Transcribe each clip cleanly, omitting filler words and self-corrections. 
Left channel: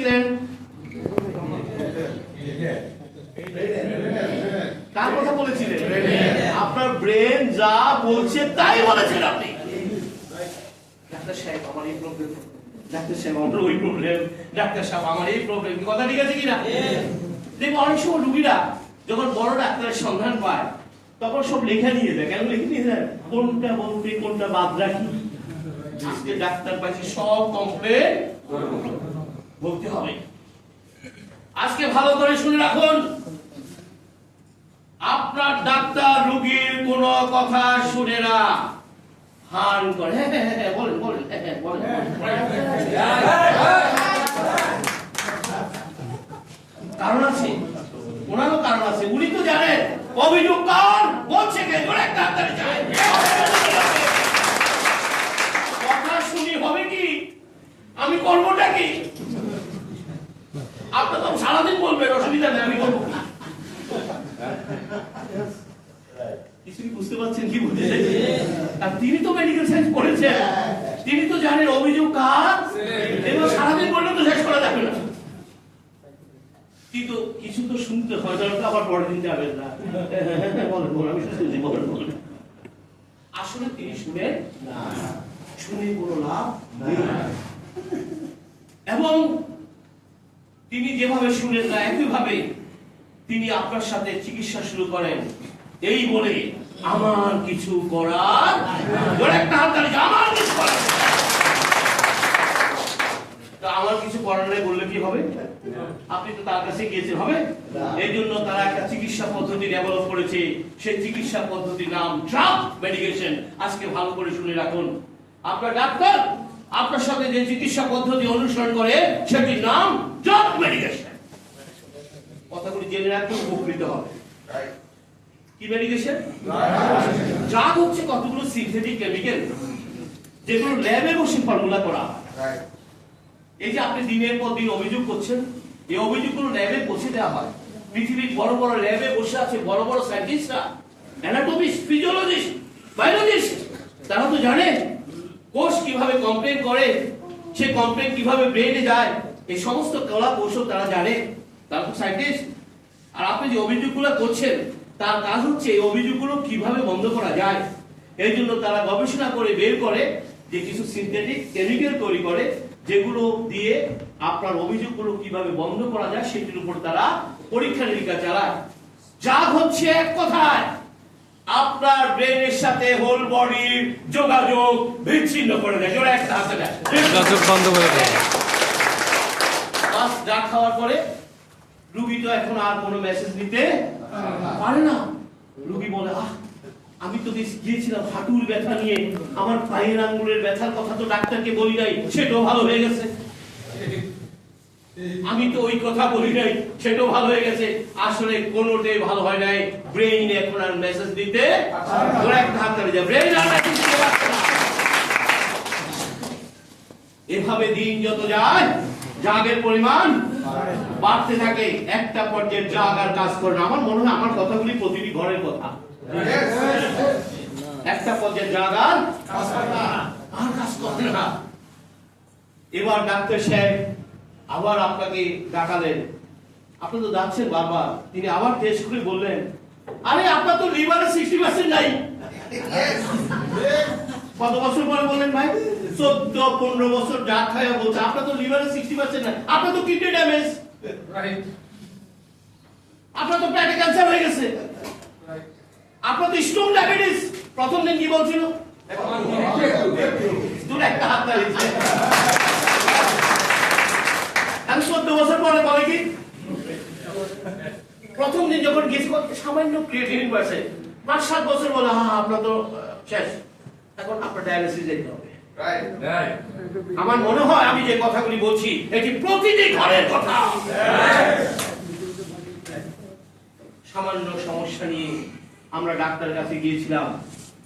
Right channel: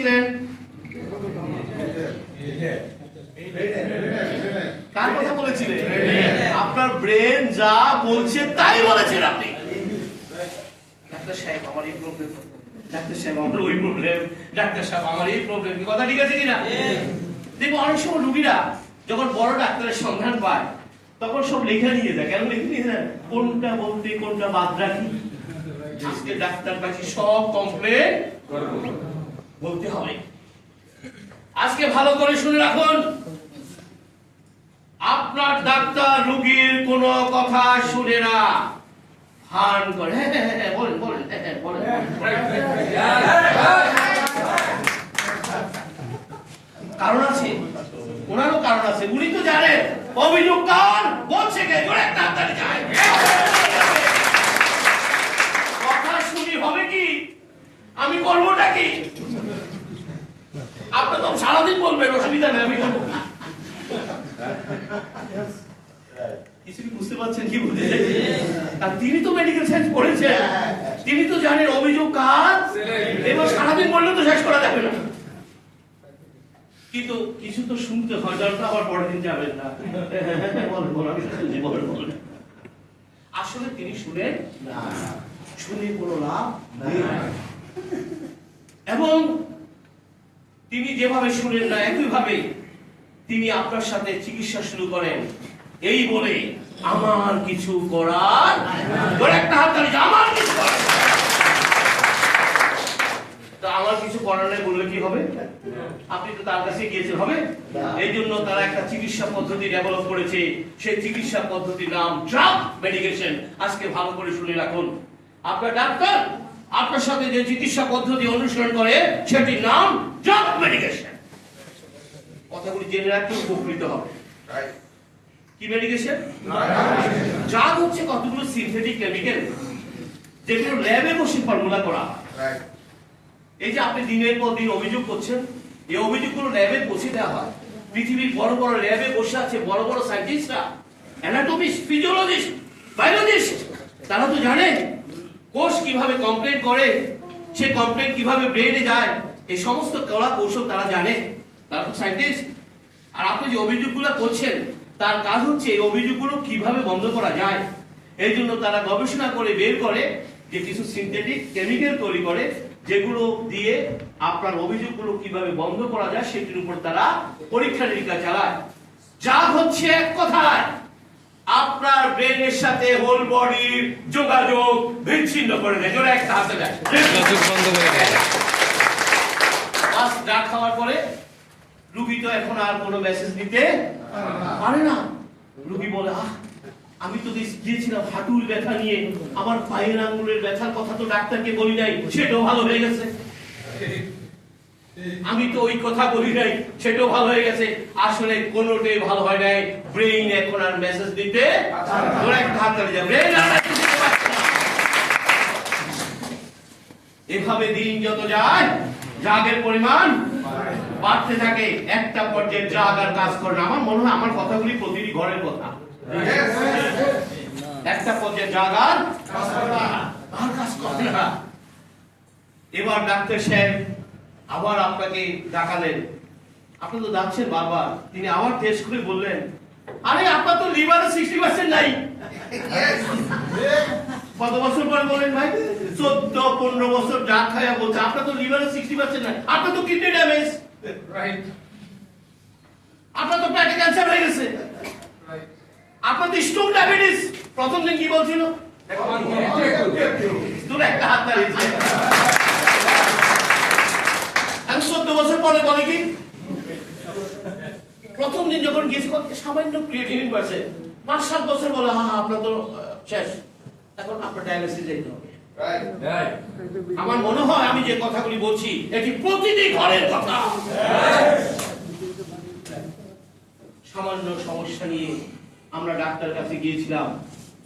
বলেছিলেন? কার কথা বলেছিলেন? আপনার ব্রেন যা বলছে তাই বলেছেন আপনি। ডাক্তার সাহেব আমার এই প্রবলেম, ডাক্তার সাহেব আমার ওই প্রবলেম, ডাক্তার সাহেব আমার এই প্রবলেম, কথা ঠিক আছে কিনা? দেখবো অনেক সময় রুগীরা যখন বড় ডাক্তারের সন্ধান পায় তখন সব লেখা নিয়ে যায়। কেন লিখে নিয়ে যায়? কোনটা বলতে কোনটা বাদ রাখি। আজকে ডাক্তার পাইছি সব কমপ্লেন বলতে হবে। আজকে ভালো করে শুনে রাখুন, আপনার ডাক্তার রোগীর কোন কথা শুনে না, হান করে। বলেন বলেন বলেন। কারণ আছে, ওনারও কারণ আছে। উনি তো জানেন অভিযোগ কার বলছে কে, তাড়াতাড়ি যায়। কথা শুনি হবে কি, আমি করবোটা কি? আপনি তো সারাদিন বলবেন, অসুবিধা নেই, আমি করবো। কিছু কি বুঝতে পারছেন কি বলতে চাইছি? আর তিনি তো মেডিকেল সায়েন্স পড়েছেন, তিনি তো জানেন অভিযোগ কার। এবার সারাদিন বললে তো শেষ করা যাবে না, কিন্তু কিছু তো শুনতে হয়, দরকার আবার পরের দিন যাবেন না। আসলে তিনি শুনেন না, শুনে কোনো লাভ নেই। এবং তিনি যেভাবে শুনেন না, একইভাবে তিনি আপনার সাথে চিকিৎসা শুরু করেন এই বলে আমার কিছু করার, একটা হাত তালি, আমার কিছু করার। আমার কিছু করার নেই বললে কি হবে? আপনি তো তার কাছে গিয়েছেন, হবে? এই জন্য তারা একটা চিকিৎসা পদ্ধতি ডেভেলপ করেছে, সেই চিকিৎসা পদ্ধতির নাম ড্রাগ মেডিকেশন। আজকে ভালো করে শুনে রাখুন, আপনার ডাক্তার আপনার সাথে যে চিকিৎসা পদ্ধতি অনুসরণ করে সেটির নাম ড্রাগ মেডিকেশন। কথাগুলি জেনে রাখতে উপকৃত হবে। কি মেডিকেশন? ড্রাগ হচ্ছে কতগুলো সিনথেটিক কেমিক্যাল যেগুলো ল্যাবে বসে ফর্মুলা করা হয়। এই যে আপনি দিনের পর দিন অভিযোগ করছেন, এই অভিযোগগুলো ল্যাবে পৌঁছে দেওয়া হয়। পৃথিবীর বড় বড় ল্যাবে বসে আছে বড় বড় সায়েন্টিস্টরা, অ্যানাটমিস্ট, ফিজিওলজিস্ট, বায়োলজিস্ট। তারা তো জানে কোষ কিভাবে কমপ্লেন করে, সে কমপ্লেন কিভাবে ব্রেনে যায়, এই সমস্ত কলা কৌশল তারা জানে। তারা তো সায়েন্টিস্ট। আর আপনি যে অভিযোগগুলো করছেন তার কাজ হচ্ছে এই অভিযোগগুলো কিভাবে বন্ধ করা যায়। এই জন্য তারা গবেষণা করে বের করে যে কিছু সিনথেটিক কেমিক্যাল তৈরি করে, যেগুলো দিয়ে আপনার অভিযোগগুলো কিভাবে বন্ধ করা যায় সেটির উপর তারা পরীক্ষা নিরীক্ষা চালায়। ড্রাগ হচ্ছে এক কথায় আপনার ব্রেনের সাথে হোল বডির যোগাযোগ বিচ্ছিন্ন করে দেয়। জোরে একটা হাতে দেয়, যোগাযোগ বন্ধ করে দেয়। ড্রাগ খাওয়ার পরে রোগী তো এখন আর কোনো মেসেজ দিতে পারে না। রোগী বলে, আমি তো গিয়েছিলাম হাঁটুর ব্যথা নিয়ে, আমার পায়ের আঙ্গুলের ব্যথার কথা তো ডাক্তারকে বলি নাই, সেটাও ভালো হয়ে গেছে। আমি তো ওই কথা বলি নাই, সেটাও ভালো হয়ে গেছে। আসলে কোনোটাই ভালো হয় নাই। ব্রেইন এখন আর মেসেজ দিতে ব্রেইন আর মেসেজ দিতে পারছে না। এভাবে দিন যত যায় ড্রাগের পরিমাণ বাড়তে থাকে। একটা পর্যায়ে ড্রাগ আর কাজ করে না। আমার মনে হয় আমার কথাগুলি প্রতিটি ঘরের কথা। একটা পর্যায়ে ড্রাগ আর কাজ করে না। এবার ডাক্তার সাহেব আবার আপনাকে ডাকালেন, আপনি তো যাচ্ছেন বারবার। তিনি আবার টেস্ট করে বললেন, আরে আপনার তো লিভারে 60% নাই। কত বছর পরে বললেন ভাই? 14-15 বছর ড্রাগ খায়া বলছে আপনার তো লিভারে 60% নাই, আপনার তো কিডনি ড্যামেজ, আপনার তো পেটে ক্যান্সার হয়ে গেছে, আপনার তো স্টোন ডায়াবেটিস। প্রথম দিন কি বলছিল? তোর একটা হাত দাঁড়িয়েছে। আমি 14 বছর পরে বলে কি, প্রথম দিন যখন গেছি সামান্য ক্রিয়েটিনিন বাড়ছে, 5-7 বছর বলে আপনার তো শেষ, এখন আপনার ডায়ালিসিস যেতে হবে। আমার মনে হয় আমি যে কথাগুলি বলছি এটি প্রতিটি ঘরের কথা। সামান্য সমস্যা নিয়ে আমরা ডাক্তারের কাছে গিয়েছিলাম,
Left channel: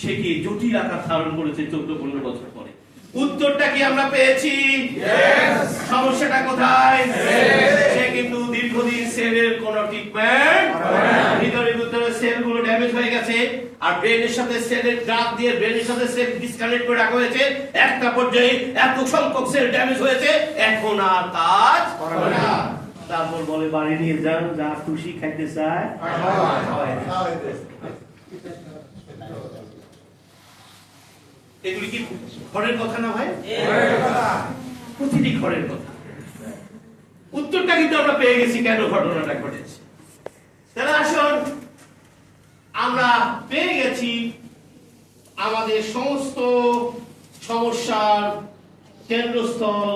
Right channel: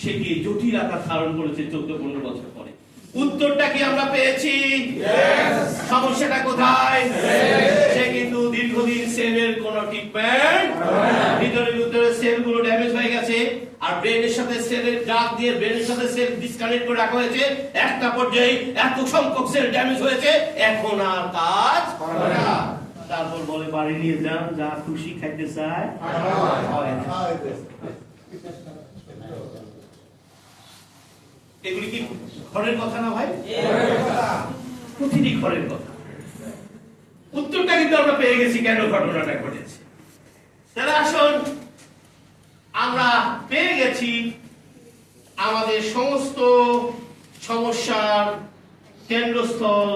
সে কি জটিল আকার ধারণ করেছে 14-15 বছর পরে। উত্তরটা কি আমরা পেয়েছি? সমস্যাটা কোথায়? সে কিন্তু দীর্ঘদিন সেলের কোন ট্রিটমেন্ট, ভিতরে ভিতরে সেলগুলো ড্যামেজ হয়ে গেছে। আর ব্রেনের সাথে সেলের ড্রাগ দিয়ে ব্রেনের সাথে সেল ডিসকানেক্ট করে রাখা হয়েছে, একটা পর্যায়ে এত সংখ্যক সেল ড্যামেজ হয়েছে, এখন আর কাজ করে না। তারপর বলে বাড়ি নিয়ে যান, যা খুশি খাইতে চায়। এগুলি কি ঘরের কথা না ভাই? প্রতিটি ঘরের কথা। উত্তরটা কিন্তু আমরা পেয়ে গেছি কেন ঘটনাটা ঘটেছে। তাহলে আসুন, আমরা পেয়ে গেছি আমাদের সমস্ত সমস্যার কেন্দ্রস্থল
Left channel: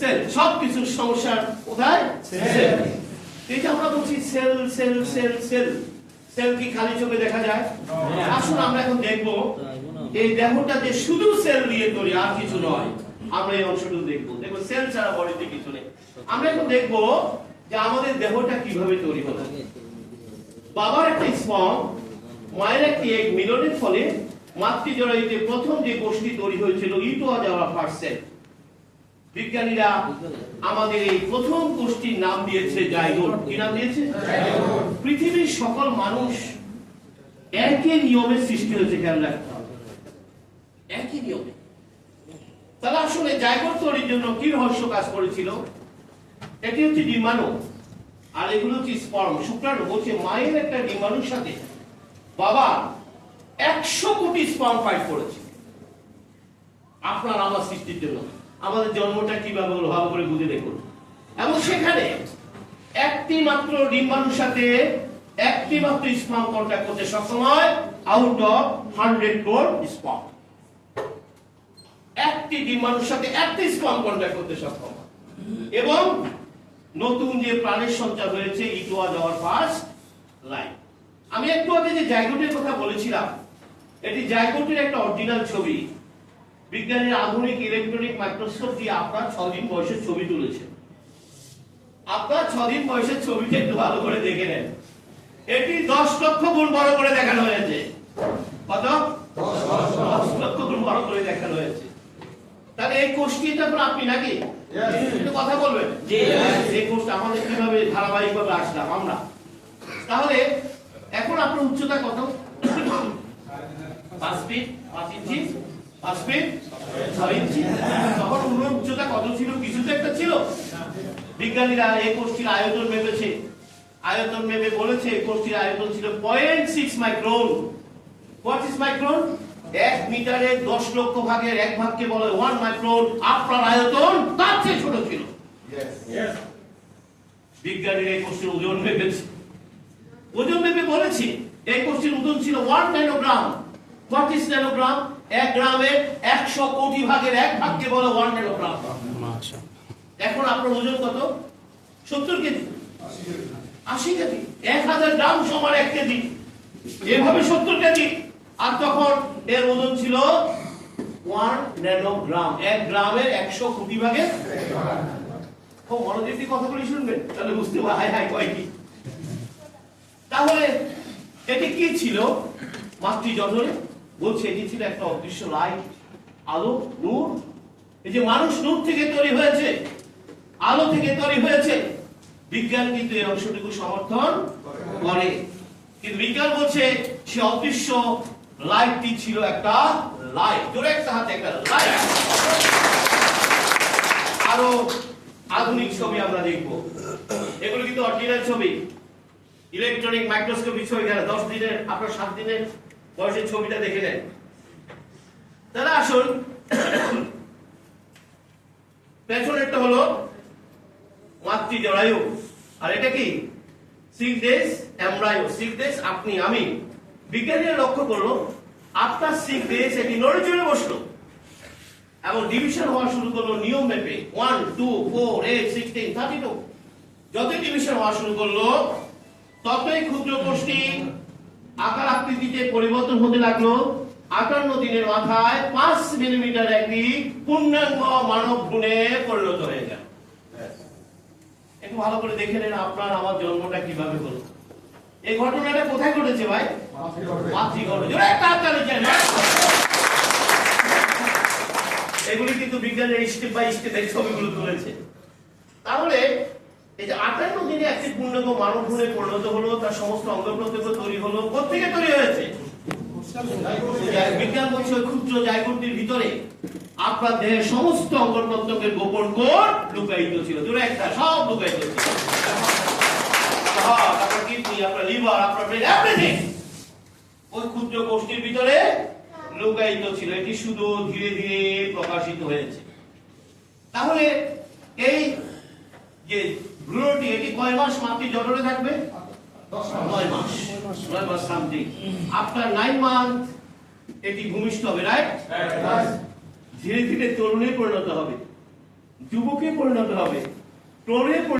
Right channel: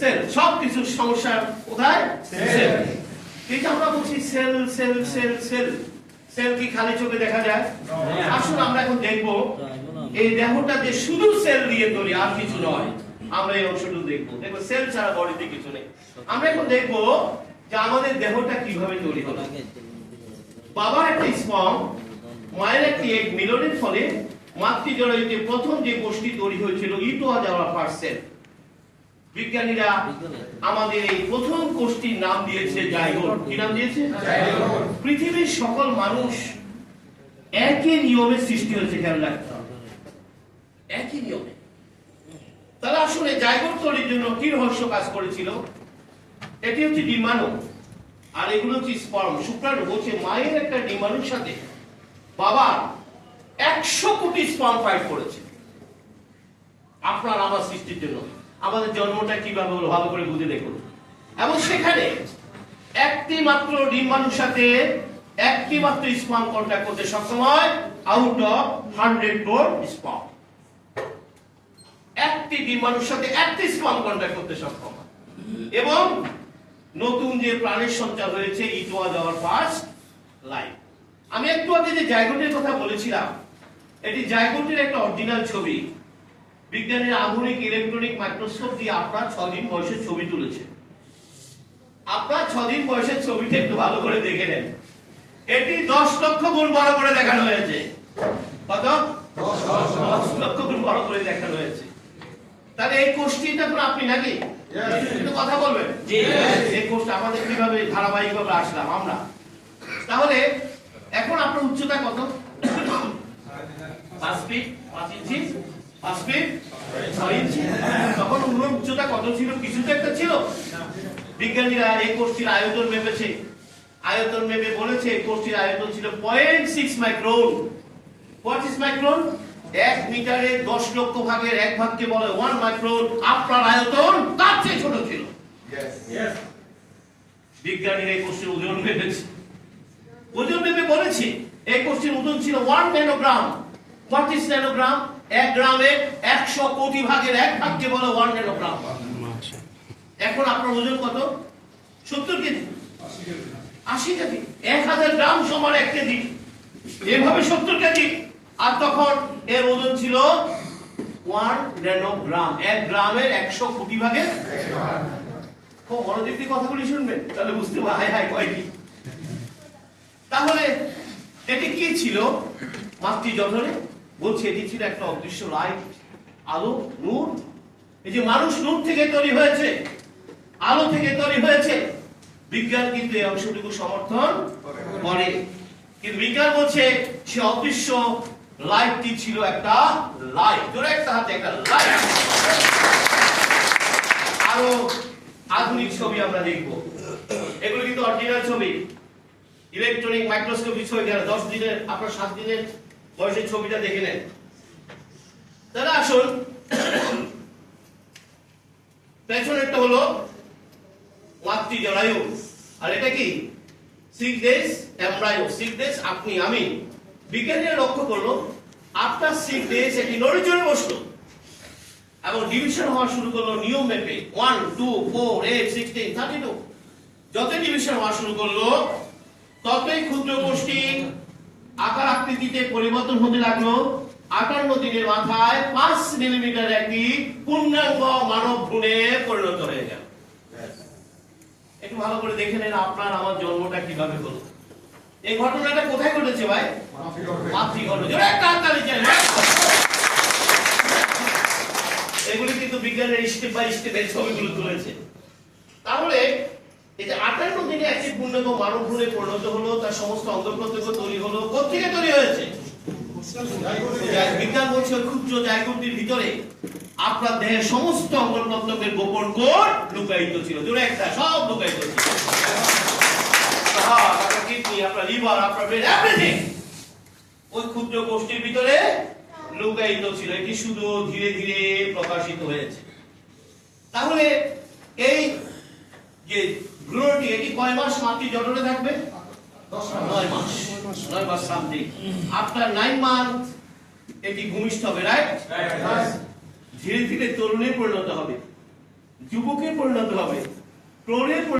সেল। সবকিছুর সমস্যার কোথায়? সেল। এই যে আমরা বলছি cell cell cell cell, cell কি খালি চোখে দেখা যায়? আসুন আমরা এখন দেখবো এই দেহটা যে শুধু সেল দিয়ে তৈরি, আর কিছু নয়। আমরা এই অংশটুকু দেখবো। দেখবো সেল ছাড়া বডিতে কিছু নেই। আমরা এখন দেখবো যে আমাদের দেহটা কিভাবে তৈরি হলো। বাবার একটা স্পর্ম, মায়ের একটি এগ মিলনের ফলে মাতৃজরায়ুতে প্রথম যে কোষটি তৈরি হয়েছিল, ইটোয়া যাওয়ার ফার্স্ট সেল। বিজ্ঞানীরা আমাদের এই প্রথম কোষটির নাম দিয়েছে জাইগোট। কি নাম দিয়েছে? পৃথিবীর সকল মানুষ একই নিয়মে সৃষ্টি হয়েছে, খেয়াল রাখতে হবে, একই নিয়মে। তাহলে আসলে জাইগোট তৈরির জন্য কি রহস্য কাজ করেছিল? এটি হচ্ছে ডিম্বাণু, আর এগুলো হচ্ছে স্পার্ম, শুক্রাণু। বলছে মায়ের একটা ডিম্বাণুর সাথে বাবা 100 কোটি স্পার্ম ফাইট করেছে আপনার আমার সৃষ্টির জন্য। আমাদের জন্মটা কিভাবে হলো ভালো করে বুঝে দেখুন। এবং সেখানে একটি মাত্র ডিম্বাণুর সাথে একটি মাত্র স্পার্ম কন্ট্যাক্ট করতে সক্ষম হয় আউট অফ 100 ক্রোর স্পার্ম। একটি ডিম্বাণুর সাথে একটি স্পার্ম কন্ট্যাক্ট করতে সক্ষম হয়। এবং নতুন যে প্রাণের সঞ্চার হয়েছে, ইটোয়া যাওয়ার ফার্স্ট লাইন। আমি একটু আগে যে জাইগোটের কথা বলেছিলাম, এটি জাইগোটের একটা অরিজিনাল ছবি। বিজ্ঞানীর আধুনিক ইলেকট্রনিক মাইক্রোস্কোপ দিয়ে আপনার 6 দিন বয়সের ছবি তুলেছে। আপনার 6 দিন বয়সের ছবিটা একটু ভালো করে দেখে নেন। এটি 10 লক্ষ গুণ বড় করে দেখানো হয়েছে। কত? 10 লক্ষ গুণ বড় করে দেখানো হয়েছে। তাহলে এই কোষটি তখন আপনি নাকি একটু কথা বলবেন, এই কোষটা আমাদের কিভাবে ধারাবাহিকভাবে আসলাম আমরা। তাহলে এখন আপনার উচ্চতা কত? 5 ফিট 5 ইঞ্চি, 5 ফিট 6 ইঞ্চি। তখন উনার উচ্চতা কত ছিল? কিছু তো একটা ছিল। বিজ্ঞানীরা এই কোষটির আয়তন মেপেছে। আয়তন মেপে বলেছে এই কোষটির আয়তন ছিল 0.6 মাইক্রন। What is micron? 1 মিটারে 10 লক্ষ ভাগের 1 ভাগকে বলে 1 মাইক্রন। আপনার আয়তন তার চেয়ে ছোট ছিল। বিজ্ঞানীরা এই কোষটির ওজন মেপেছে। ওজন মেপে বলেছে এই কোষটির ওজন ছিল 1 ন্যানোগ্রাম। What is nanogram? 1 গ্রামে 100 কোটি ভাগের 1 ভাগকে বলে 1 ন্যানোগ্রাম। এখন আপনার ওজন কত? 70 কেজি, 80 কেজি। 1000 গ্রাম সমান 1 কেজি, এভাবে 70 কেজি। আর তখন এর ওজন ছিল 1 ন্যানোগ্রাম। 1 গ্রামের 100 কোটি ভাগের। খুব মনোযোগ দিয়ে কথাগুলি শুনবেন, তাহলে বুঝতে পারবেন হাই হাই কয়টি। তাহলে এটি কি ছিল? মাতৃজঠরে বলছে এটি ছিল একটা অদৃশ্য লাইট, আলো, নূর। এই যে মানুষ নূর থেকে তৈরি হয়েছে, আলো থেকে তৈরি হয়েছে। বিজ্ঞান কিন্তু এই অংশটুকু সমর্থন করে। কিন্তু বিজ্ঞান বলছে সে অদৃশ্য লাইটটি ছিল একটা লাইট। জোরে একটা হাতে একটা লাইট। আরো আধুনিক ছবি আমরা দেখব। এগুলো কিন্তু অরিজিনাল ছবি, ইলেকট্রনিক মাইক্রোস্কোপিক ছবি। গেল 10 দিনের, আপনার 7 দিনের বয়সের ছবিটা দেখে নেন। তাহলে আসুন, পেছনেরটা হলো মাতৃজরায়ু, আর এটা কি 6 days এমব্রায়ো। 6 days আপনি আমি। বিজ্ঞানীরা লক্ষ্য করলো আফটার 6 days এটি নড়ে চড়ে বসলো এবং ডিভিশন হওয়া শুরু করলো নিয়ম মেপে। 1 2 4 8 16 32। যত ডিভিশন হওয়া শুরু করলো ততই ক্ষুদ্র কোষটি আকার আকৃতিতে পরিবর্তন হতে লাগলো। 58 দিনের মাথায় 5 মিলিমিটার একটি পূর্ণাঙ্গ মানব ভ্রূণে পরিণত হয়ে গেল। একটু ভালো করে দেখে নেন আপনার আমার জন্মটা কিভাবে হলো। এই ঘটনাটা কোথায় ঘটেছে ভাই? মাতৃগর্ভে। একটা হাততালি চাই। এগুলি কিন্তু বিজ্ঞানের স্টেপ বাই স্টেপ এই ছবিগুলো তুলেছে। তাহলে এই যে 58 দিনে একটি পূর্ণাঙ্গ মানব ভ্রূণে পরিণত হলো, তার সমস্ত অঙ্গ প্রত্যঙ্গ তৈরি হলো। কোত্থেকে তৈরি হয়েছে? বিজ্ঞান বলছে ক্ষুদ্র জায়গোটির ভিতরে আপনার দেহের সমস্ত অঙ্গ প্রত্যঙ্গের গোপন কোড লুকায়িত ছিল। দুটো একটা সব লুকায়িত ছিল। আপনার কিডনি, আপনার লিভার, আপনার ব্রেন, এভরিথিং ওই ক্ষুদ্র কোষটির ভিতরে লুকায়িত ছিল। এটি শুধু ধীরে ধীরে প্রকাশিত হয়েছে। তাহলে এই যে ভ্রূণটি, এটি কয় মাস মাতৃ জঠরে থাকবে? 9 মাস। 9 মাস সামথিং। আফটার 9 মান্থ এটি ভূমিষ্ঠ হবে, রাইট? ধীরে ধীরে তরুণে পরিণত হবে, যুবকে পরিণত হবে, প্রৌঢ়ে